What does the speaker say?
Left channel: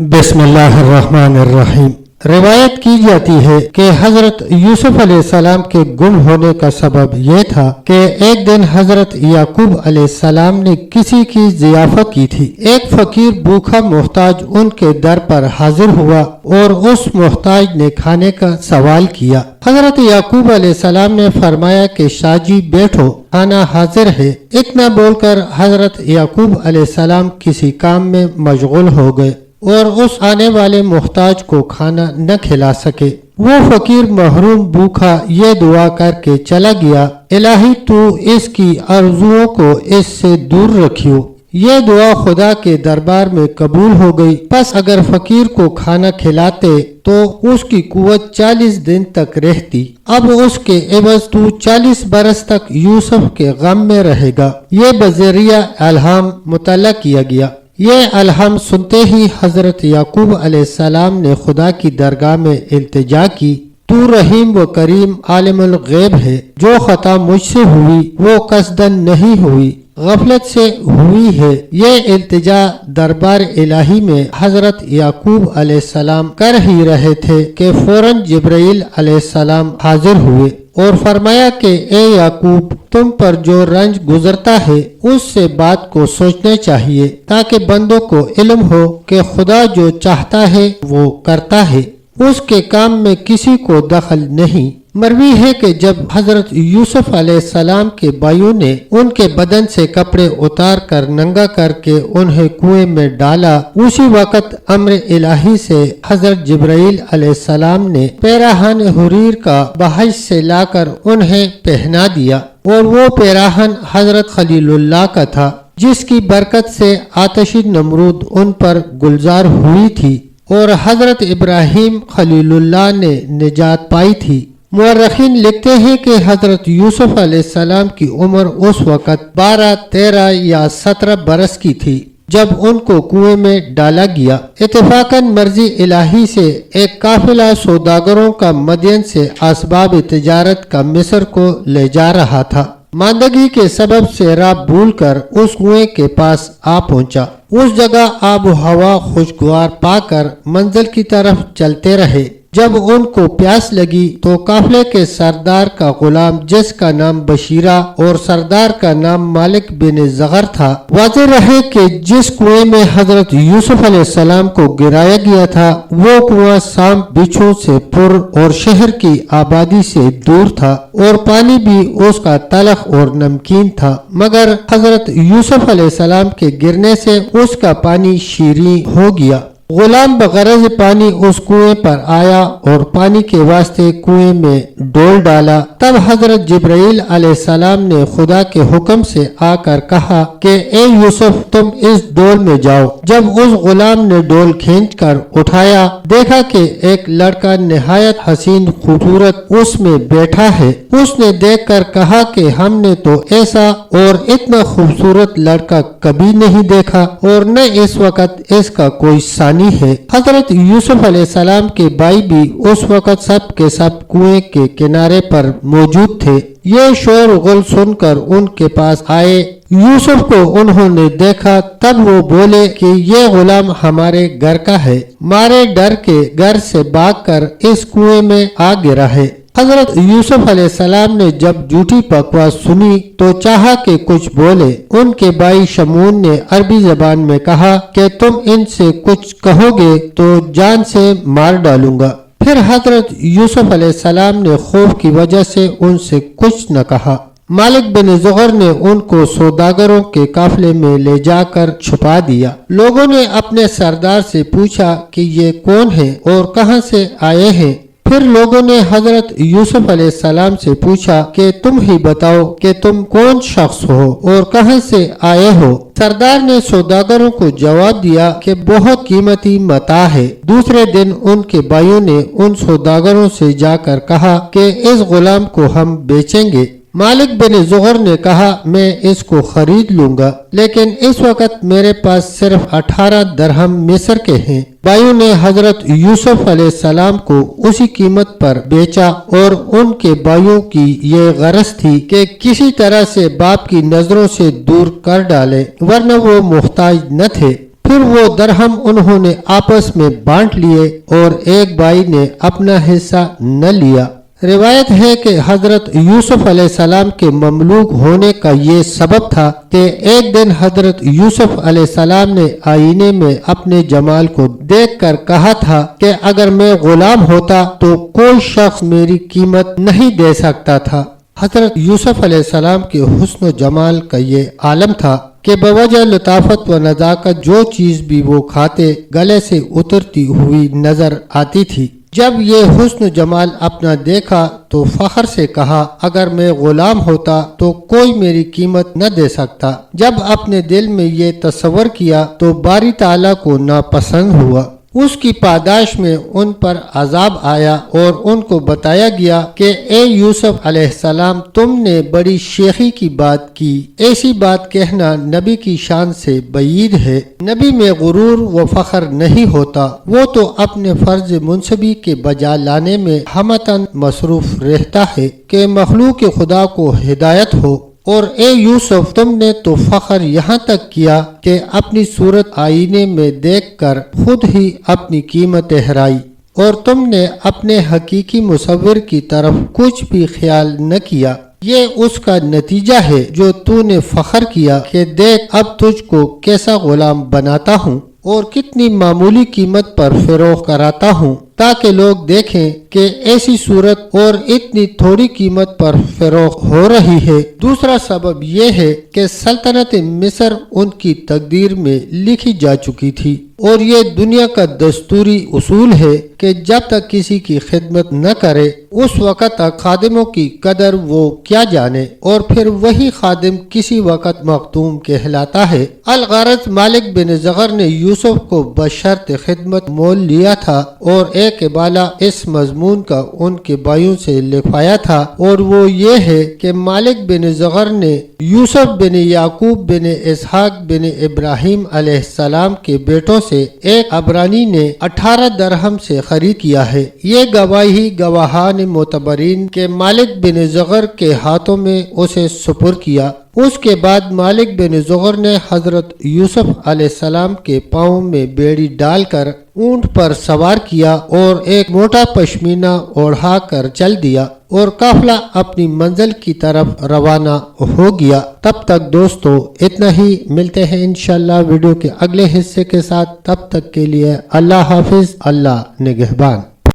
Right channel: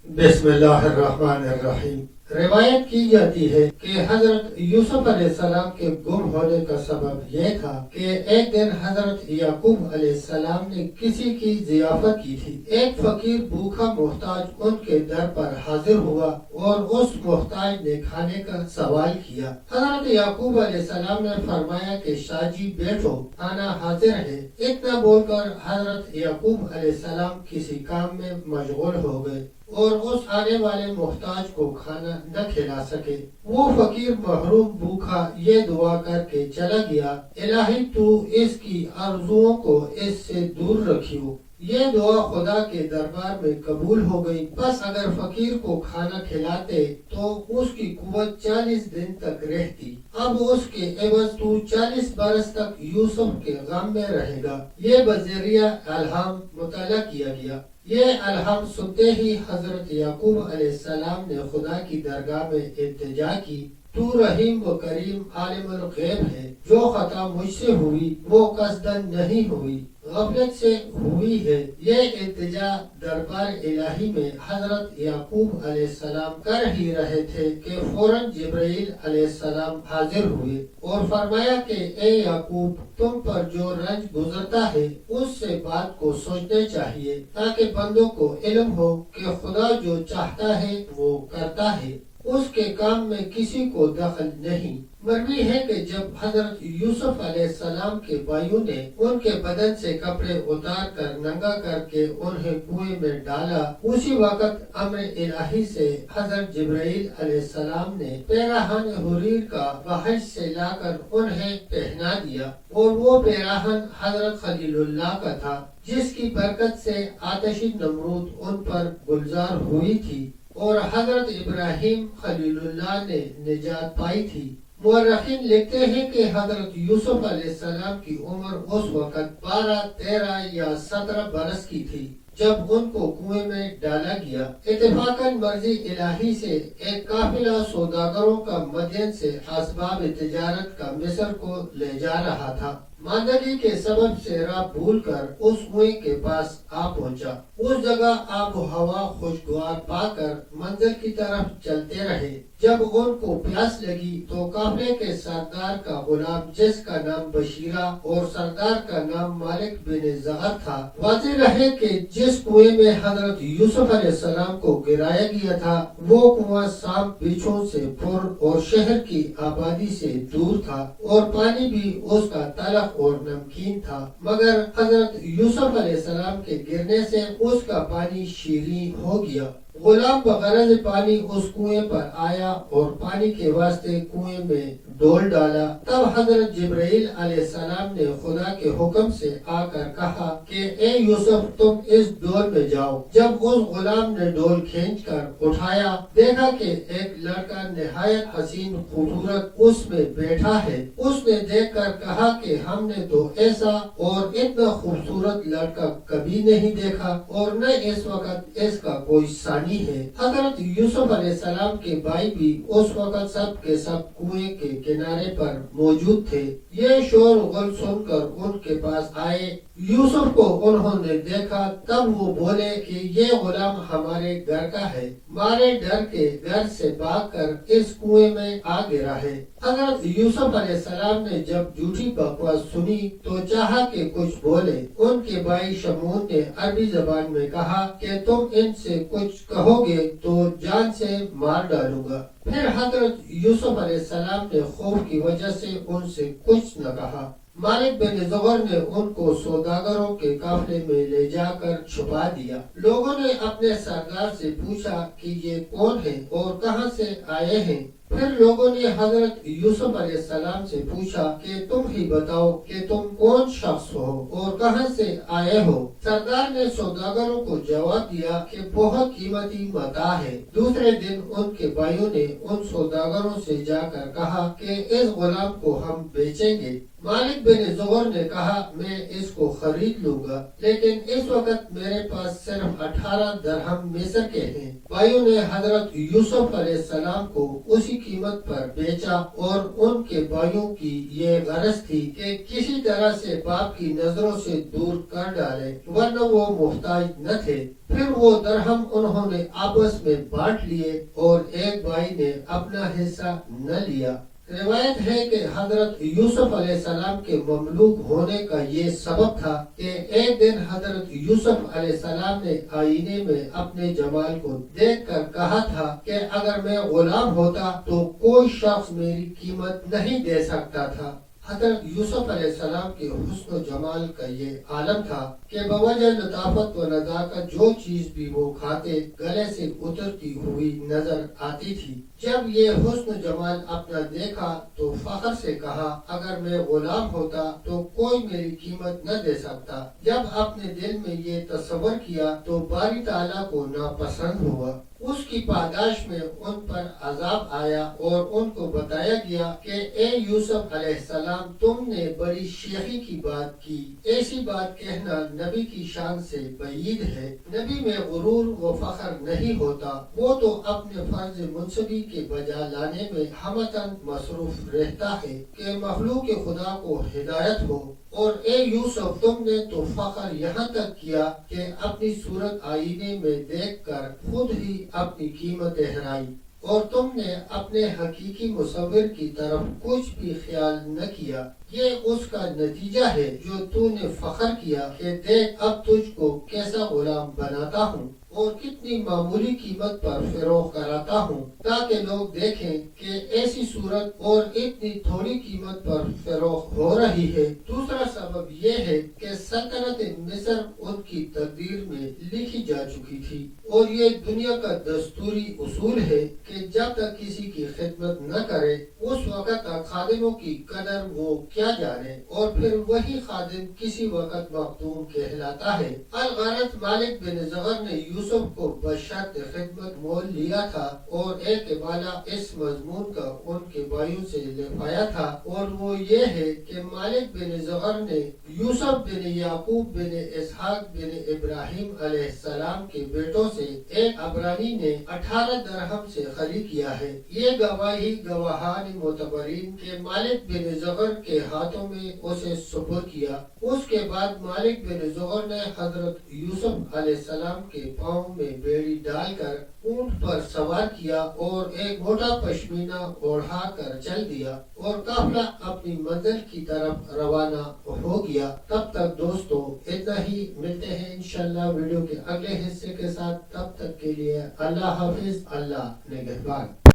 بسم اللہ الرحمن الرحیم۔ روایت کی جاتی ہے کہ حضرت یوسف علیہ السلام کے گم ہونے کا سبب یہ تھا کہ ایک دن حضرت یعقوب علیہ السلام نے کسی کی ضیافت کی تھی۔ ایک فقیر بھوکا محتاج ان کے در پر حاضر ہوا اور اس محتاج نے کھانے کا سوال کیا۔ حضرت یعقوب علیہ السلام نے فرمایا کہ شاہ جی بیٹھو، کھانا حاضر ہے۔ اتنا بول کر حضرت یعقوب علیہ السلام کسی کام میں مشغول ہو گئے اور اس آنے والے محتاج کو کھانا نہ کھلا سکے۔ وہ فقیر محروم بھوکا یہ دعا کر کے چلا گیا، الہی تو اس کی آرزوؤں کو اس سے دور رکھیو۔ یہ دعا خدا کے دربار میں قبول ہو گئی۔ پس اگر فقیر کو کھانا کھلاتے تو اس کی قوت 40 دن تک رہتی۔ اب اس کے عوض تو 40 برس تک یوسف کے غم میں رہے گا۔ یہ بذریعہ الہام مطلع کیا گیا۔ یہ الہام سنتے ہی حضرت یعقوب علیہ السلام نے خدا کی درگاہ میں التجا کی، تو رحیم و کریم عالم الغیب ہے، جو خطا مجھ سے ہوئی وہ قصدن نہیں ہوئی، غفلت سے ہوئی ہے۔ یہ التجا دربار الہی میں حضرت یعقوب علیہ السلام کر ہی رہے تھے کہ فوراً جبرائیل علیہ السلام حاضر ہوئے اور فرمایا کہ اے یعقوب، تم پر جو رنج گزرتا ہے اس سے بات کو سوچنا چاہیے، تاکہ بندوں کو علم ہو کہ خدا جو چاہتا ہے وہ کرتا ہے، اس کے کام میں کسی کو دخل نہیں۔ مروی ہے کہ جب حضرت یوسف علیہ السلام کے بھائیوں نے ان کے بدن سے کپڑے اتار کر ننگا کر کے انہیں کنویں میں ڈالا، اسی وقت امر الہی سے حضرت جبرائیل علیہ السلام نے پیراہن حریر کا بحث سے لا کر انہیں پہنا دیا، اور وہ پیراہن حضرت خلیل اللہ کا تھا، جس کی برکت سے آتشی نمرود ان پر گلزار ہوئی تھی اور حضرت ابراہیم خلیل اللہ نے نجات پائی تھی۔ مورخین لکھتے ہیں کہ حضرت یوسف علیہ السلام کی عمر اس وقت 12، 13 یا 17 برس کی تھی جب ان کو کنویں میں ڈالا گیا۔ اتفاقاً مرضی الہی سے ایک قافلہ سوداگروں کا مدین سے اسباب تجارت کا مصر کو لے جا رہا تھا۔ ماندگی کے سبب سے راہ بھول کر اس کنویں کے پاس آ پہنچا۔ اس جگہ آب و ہوا خوشگوار پا کر منزل کی طرف چلتے رہے۔ جب ان کو پیاس لگی تو قافلے کے سردار کا غلام، جس کا نام بشیرہ اور سردار کا نام مالک بن زغر تھا، واضح رہے کہ جس کنویں میں حضرت یوسف علیہ السلام کو گرایا گیا تھا وہ کنواں سانپ بچھو سے پر اور شہر کی آبادی سے دور تھا، اور پانی بھی اس کا تلخ اور نمکین تھا، مگر حضرت یوسف علیہ السلام کے گرنے سے اس کا پانی شیریں ہو گیا۔ غلام بغرض پانی اس کنویں پر آیا اور پانی کے واسطے کنویں میں ڈول ڈالا۔ تب حضرت جبرائیل علیہ السلام نے خدا کے حکم سے آ کر کہا کہ اے یوسف، تم اس ڈول میں جاؤ۔ جب اس غلام نے ڈول کھینچ کر اٹھایا، دیکھا کہ ایک لڑکا نہایت حسین خوبصورت اس میں بیٹھا ہے۔ اس نے دیکھ کر کہا کہ ہم نے تو ایسا اور اتنا خوبصورت لڑکا کبھی نہیں دیکھا، اور نہ اس وقت اس کا کوئی ثانی ہے۔ حضرت یوسف علیہ السلام کے بھائی بھی اس وقت سب کے سب کنویں کے کنارے پر موجود تھے۔ یہ شور غل سن کر ان کے پاس آئے۔ یوسف کو انہوں نے دیکھا، تب وہ بولے کہ یہ غلام ہمارے گھر کا ہے، مارے ڈر کے گھر سے بھاگ کر اس کنویں میں آ گرا ہے۔ حضرت یوسف علیہ السلام نے جب جھوٹی بکواس سنی تو چاہا کہ کچھ بولے۔ ان کے بھائی شمعون نے عربی زبان میں کہا کہ تم ان سے کچھ کہو گے تو جان سے مار ڈالوں گا۔ پھر حضرت یوسف علیہ السلام نے خوف کی وجہ سے ان سے کچھ نہ کہا۔ مالک بن زغر نے ان کو سوداگروں کے قافلے میں لے جا کر چھپا دیا۔ لوگوں نے اپنے سردار سے پوچھا کہ یہ کون ہے اور کہاں سے آئے ہیں؟ پھر لوگوں نے حضرت یوسف علیہ السلام سے پوچھا کہ تم ہی بتاؤ کہ تم کون شخص ہو اور کہاں سے آئے ہو؟ سردار نے سوداگروں کو جواب دیا کہ بہت قیمتی متاع ہے۔ دوسرے دن ان کے بھائیوں نے ان سوداگروں سے جا کر کہا کہ اس غلام کو ہم بیچیں گے۔ مالک بن زغر نے کہا میں اس کو خرید لوں گا، لیکن اس وقت میرے پاس صرف 18 درہم مصر کے ہیں۔ بھائیوں نے حضرت یوسف علیہ السلام کو اسی قیمت پر بیچا، اور ان کے بھائیوں کی یہ غرض تھی کہ کسی طرح سے باپ کی نظروں سے دور کر ڈالے، ورنہ وہ محتاج نہ تھے۔ پھر وہ درہم انہوں نے آپس میں بانٹ لیے اور ایک بھائی نے اپنا حصہ نہ لیا۔ روایت ہے کہ حضرت یوسف علیہ السلام کے مملوک ہونے کا یہ سبب تھا کہ ایک دن حضرت یوسف علیہ السلام نے آئینے میں اپنے جمال کو دیکھ کر کہا تھا کہ اگر میں غلام ہوتا تو کوئی شخص میری قیمت نہیں دے سکتا تھا۔ حضرت یوسف علیہ السلام کے حسن و جمال کا یہ عالم تھا کہ بوجہ لطافت و نزاکت جو چیز بھی وہ کھاتے گلے سے اترتی ہوئی نظر آتی تھی۔ جب یہ حسن و جمال اپنا دیکھا تو فخر سے کہا اگر میں غلام ہوتا تو کوئی میری قیمت نہ دے سکتا۔ جب اپنے دل میں یہ تصور کیا تو باری تعالیٰ کو ناپسند ہوا۔ اس کی پاداش میں ان پر عذاب آیا اور ان کو بتایا گیا کہ اے یوسف علیہ السلام تم نے بڑی شیخی کی بات کی، ایسی بات کہنا نبی کی شان سے بعید ہے۔ نبی میں غرور و فخر نہیں ہوتا، وہ تو اپنے فرض منصبی کے بجا لانے میں ہمتاً مصروف رہتا ہے کہ مخلوق خدا کو ہدایت ہو۔ اور اے یوسف تم نے تو فخر یہاں تک کیا کہ اپنی صورت آئینے میں دیکھ کر خود ہی اپنی قیمت ٹھہرائی، اور تم نے اپنے حقیقی مصور کی طرف کچھ بھی خیال نہ کیا۔ یہ اس کا نتیجہ ہے جو تو نے فخر کیا کہ دیکھ اب تجھ کو کیسا غلام بناتا ہوں اور کتنی معمولی قیمت پر فروخت کراتا ہوں تاکہ لوگ دیکھیں کہ ایسی صورت اور اتنی تھوڑی قیمت پر فروخت ہو رہی ہے۔ دوسرا سبب یہ ہے کہ سلطنت مصر ان کی تقدیر میں لکھی جا چکی تھی، اور یہ دنیا کا دستوری اصول ہے کہ جب تک کسی کی خدمت نہ کرے اس وقت تک خادموں کی قدر وہ کیا جانے، اور پھر وہی خادم کسی وقت مخدوم کہلاتا ہے۔ الغرض مالک بن زغر نے یوسف کو بشرط خدمت مول لیا تھا اور ایک بالا اس مضمون کا ان کے بھائیوں سے لکھوایا تھا، اور وہ یہ ہے کہ مالک بن زغر نے یوسف بن یعقوب بن اسحاق بن ابراہیم علیہ السلام کے بیٹوں سے ایک عبرانی نے 18 درہم سے خرید کیا ہے۔ یہ گواہی گواہان معتبرین کے مالک بن زغر کے ہاتھوں میں اسے سپرد کیا۔ اس کے بعد مالک بن زغر نے حضرت یوسف علیہ السلام کے پاؤں میں بیڑی ڈال کر اونٹ پر سوار کیا اور ایک موٹا پشمینہ اوڑھا کر چل دیا، اور قافلہ اپنی منزل کی طرف روانہ ہو گیا۔ تب تک دوستو اتنا ہی، ملتے ہیں انشاءاللہ ویڈیو کے اگلے حصے کے ساتھ، تب تک کے لیے اللہ حافظ، اللہ نگہبان۔